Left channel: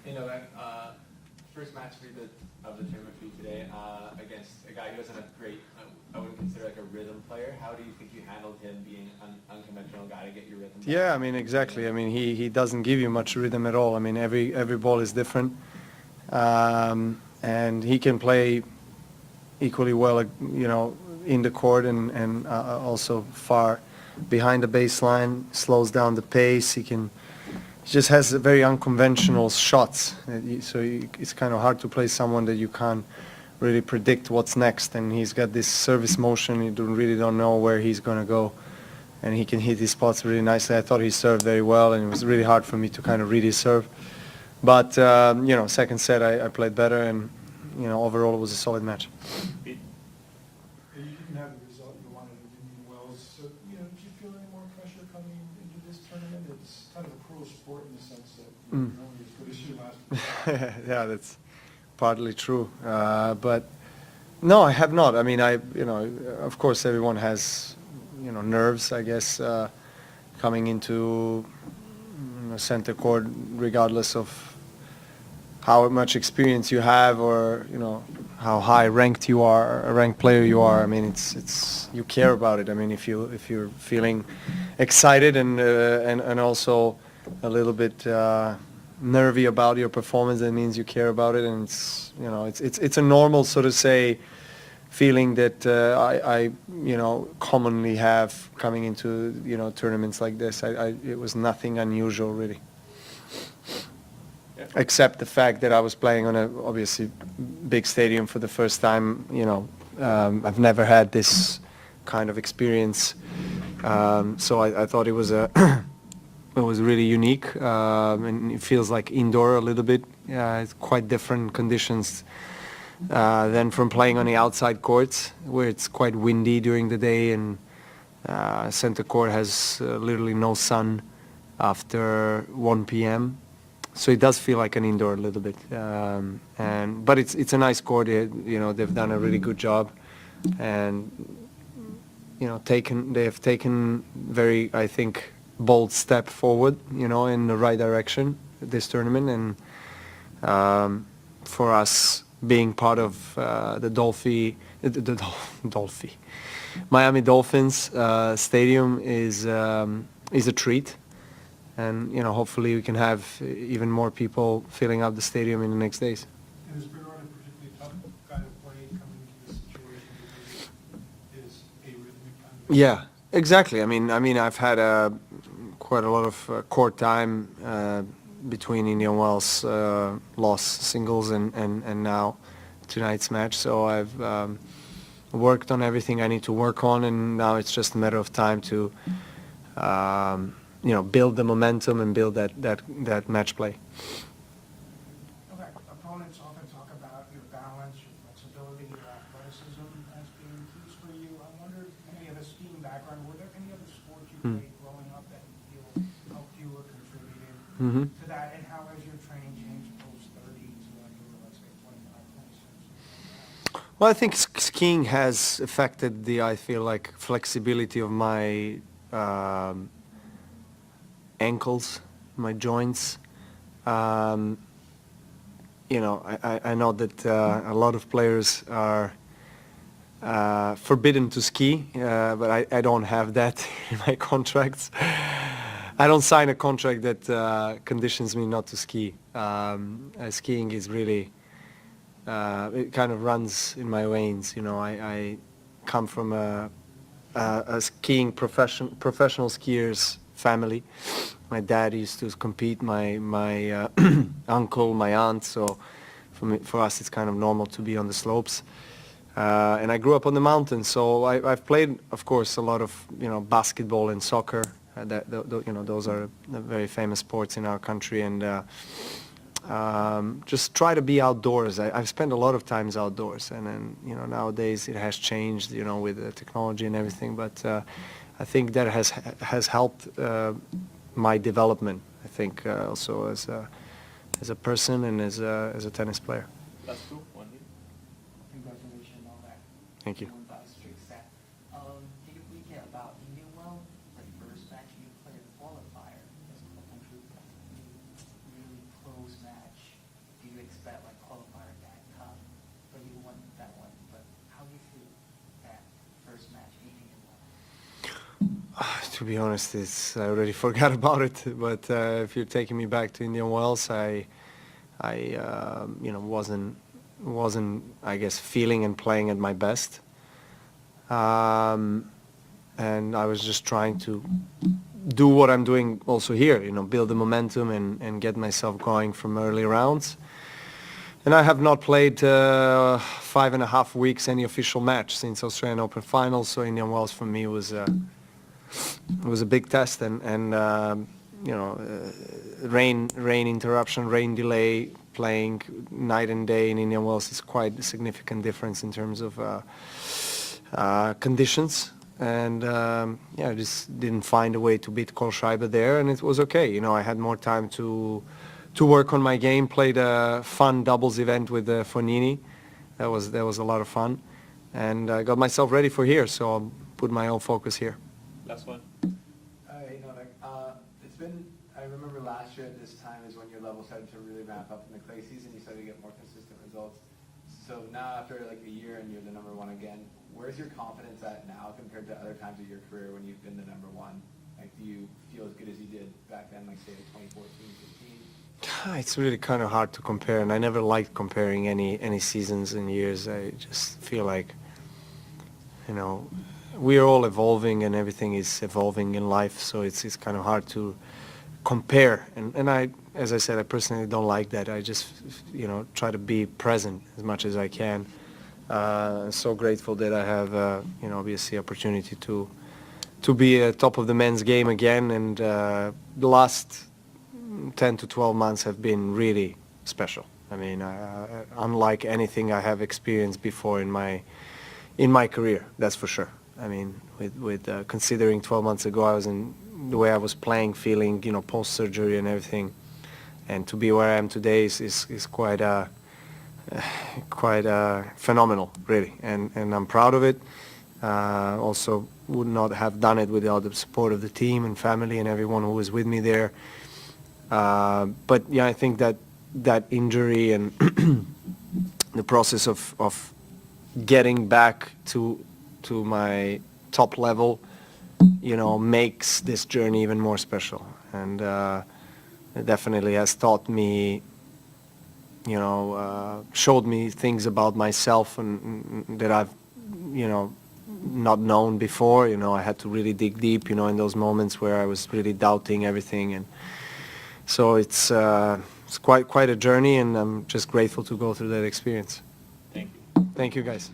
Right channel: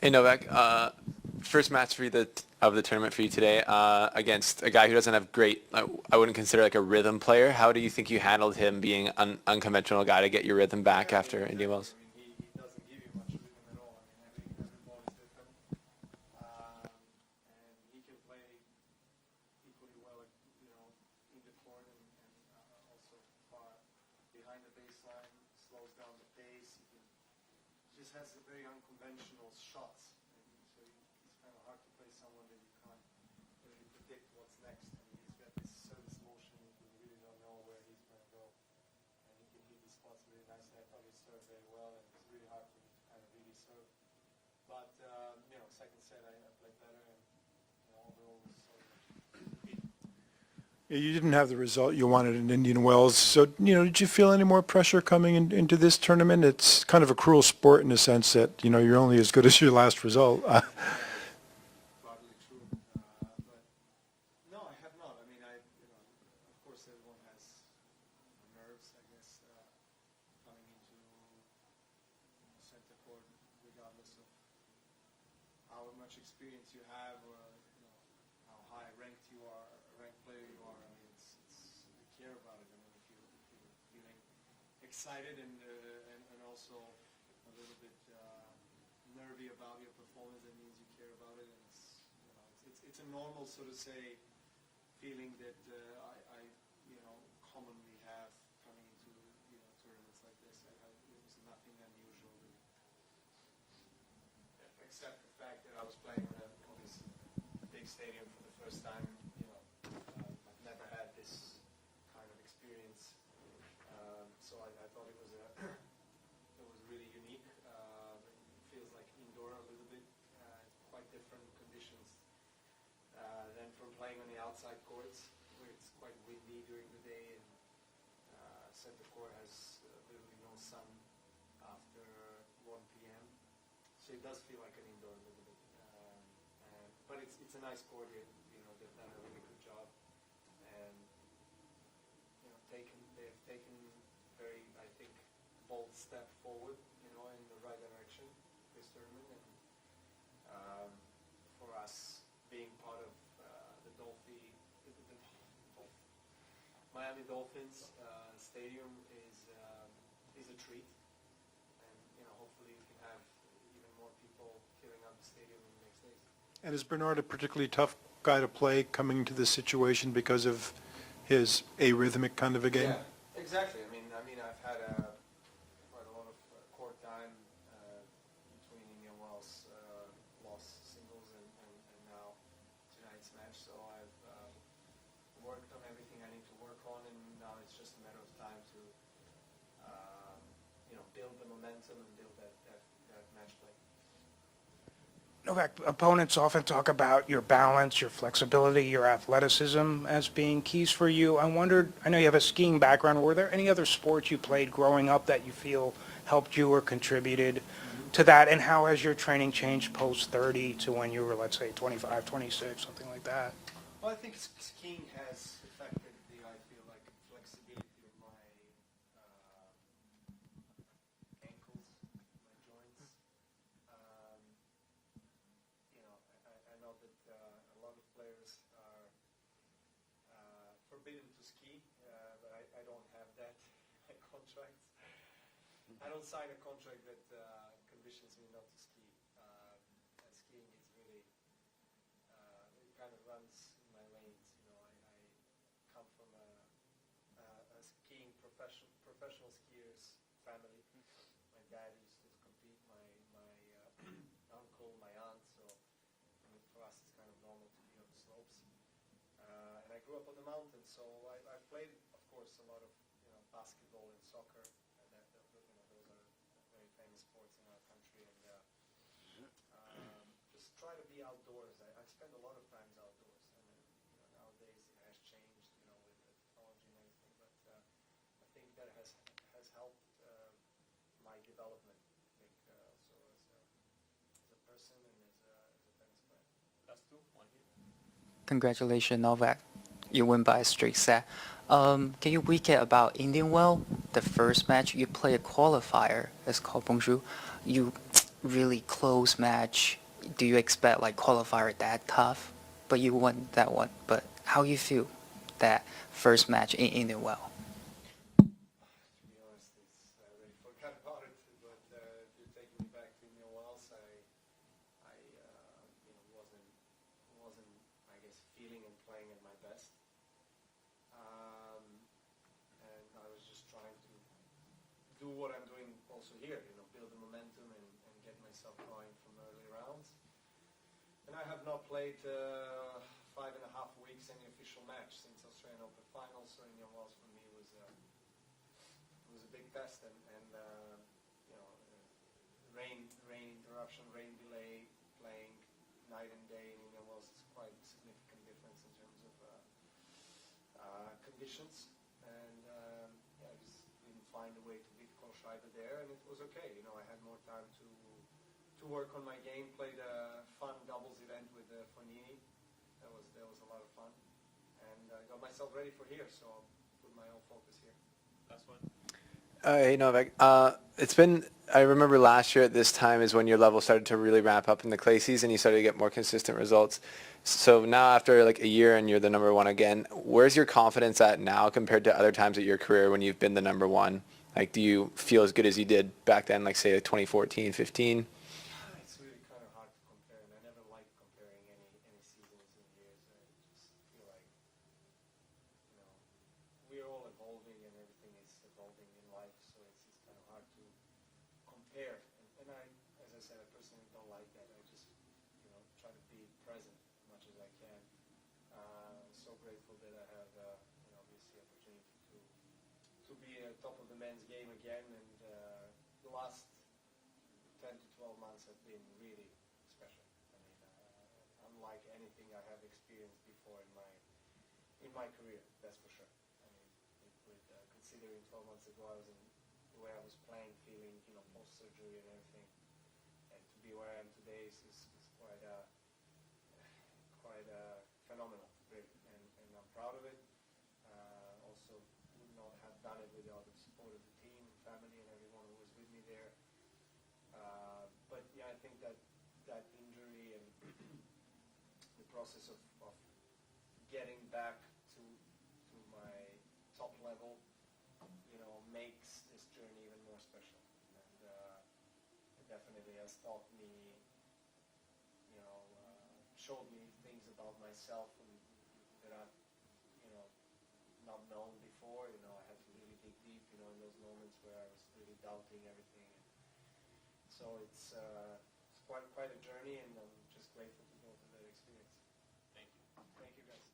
Hey Novak, first match for you of the tournament for you today against a guy who doesn't have great, I wouldn't consider like a rhythm player. How do you think you handled him being an unconventional guy to get your rhythm back Yeah, I after mean, exactly. I Indian mean, he doesn't give you much rhythm at all. I mean, every ball is different, and he can play equally well, in the court and also far behind the baseline. Slows down the pace. He just has very unconventional shots. It's kind of hard to play someone that you can't really predict what's next. And he's got this service motion. You really don't know where he's going to go. And he can hit his spots really nicely. I thought he served very well, and it was really hard for me to kind of read his serve. But, second set I played better, and, overall it was a solid match. You didn't have the result you wanted in Indian Wells, so, did you feel any more pressure coming into this tournament? It's kind of a cruel sport in the sense that, you're only as good as your last result. Yeah, that's partly true. But, no, I have not. I mean, of course everyone has, nerves, I guess, coming into center court, regardless of how much experience you have or, how high ranked you are, a ranked player you are. I mean, it's you care about it. I mean, if you're feeling excited and also a little bit nervy about your performance, that means you care about it, and it's a normal, so to say, feeling that I commonly have coming into tournaments like this. It was nothing unusual really. Except the fact that I was playing on a obviously big stadium for the first time. I've never had this kind of experience, so I thought it was it was really unique, and it feels like indoor a little bit. It's quite different conditions than from playing on the outside courts, where it's quite windy during the day, and center court has literally no sun after 1 p.m. So it does feel like an indoor a little bit, but it's a nice court. They've done a really good job, and they have taken very, I think, bold step forward, in the right direction this tournament, and for us being part of the Miami Dolphins stadium is a treat. And, hopefully we can have even more people filling up the stadium in the next days. And is Bernard a particularly tough guy to play coming into this situation because of his arrhythmic kind of a game? Yeah, exactly. I mean, I've had quite a lot of court time between Indian Wells loss singles and now tonight's match. So I've worked on everything I need to work on, and now it's just a matter of time to build the momentum and build that match play. Novak, opponents often talk about your balance, your flexibility, your athleticism as being keys for you. I wondered, I know you have a skiing background, were there any other sports you played growing up that you feel helped you or contributed to that? And how has your training changed post-30 to when you were, let's say, 25, 26, something like that? Well, I think skiing has affected I feel like, flexibility of my ankles, my joints. I know that a lot of players are forbidden to ski, but I don't have that in my contracts. I don't sign a contract that conditions me not to ski. Skiing is really, it kind of runs in my veins. I come from a skiing professional skiers family. My dad used to compete, my uncle, my aunt, so for us it's kind of normal to be on the slopes. And I grew up on the mountains, so I've played, of course, a lot of basketball and soccer. Those are very famous sports in our country, and just try to be outdoors. I've spent a lot of times outdoors, and then nowadays it has changed, with the technology and everything, but I think that has helped my development. I think also as a person and as a tennis player. Congratulations, Novak. Thank You you. win by a straight set. Can you recap about Indian Wells? The first match you play a qualifier as called Bonjour. You really close match. Do you expect like qualifier that tough? But you won that one. But how you feel that first match in Indian Well? To be honest, I already forgot about it. But if you're taking me back to Indian Wells, I wasn't I guess feeling and playing at my best. And I was just trying to do what I'm doing also here, build the momentum and get myself going from early rounds. And I have not played 5.5 weeks any official match since Australian Open Finals, so Indian Wells for me was a big test, and rain interruption, rain delay, playing night and day in Indian Wells is quite a significant difference in terms of conditions. And I just didn't find a way to beat Kohlschreiber there, and it was okay. I had more time to work on my game. Played a fun doubles event with Fonini. That was a lot of fun, and I got myself ready for here. So I'll put my own focus here. Last one. Hey Novak, I remember last year at this time is when your level started to really ramp up in the clay season. You started to get more consistent results. So now after like a year and you're the number one again, where's your confidence at now compared to other times of your career when you've been the number one? Like, do you feel as good as you did back then, like say 2014, 15? It's really kind of hard to compare, and I never liked comparing any seasons and years. I just feel like, we are all evolving and everything is evolving in life, so it's kind of hard to compare. And I, as I said, I personally don't like that. I just, try to be present as much as I can. So grateful that I have, obviously opportunity to be top of the men's game again. And the last 10 to 12 months have been really special. I mean, unlike anything I have experienced before in my career, that's for sure. I mean, with considering 12 months ago, I was in the way I was playing, feeling, post-surgery and everything, and to be where I am today is quite phenomenal, really, and I'm proud of it. Also, would not have done it without the support of the team and family and everyone who was with me there. But yeah, I think that injury and the process of getting back to my top level, makes this journey even more special. And it definitely has taught me, showed me things about myself and that I've, not known before. I had to really dig deep, in those moments where I was really doubting everything. And so it's quite a journey, and I'm just grateful to go through that experience. Thank you. Thank you, guys.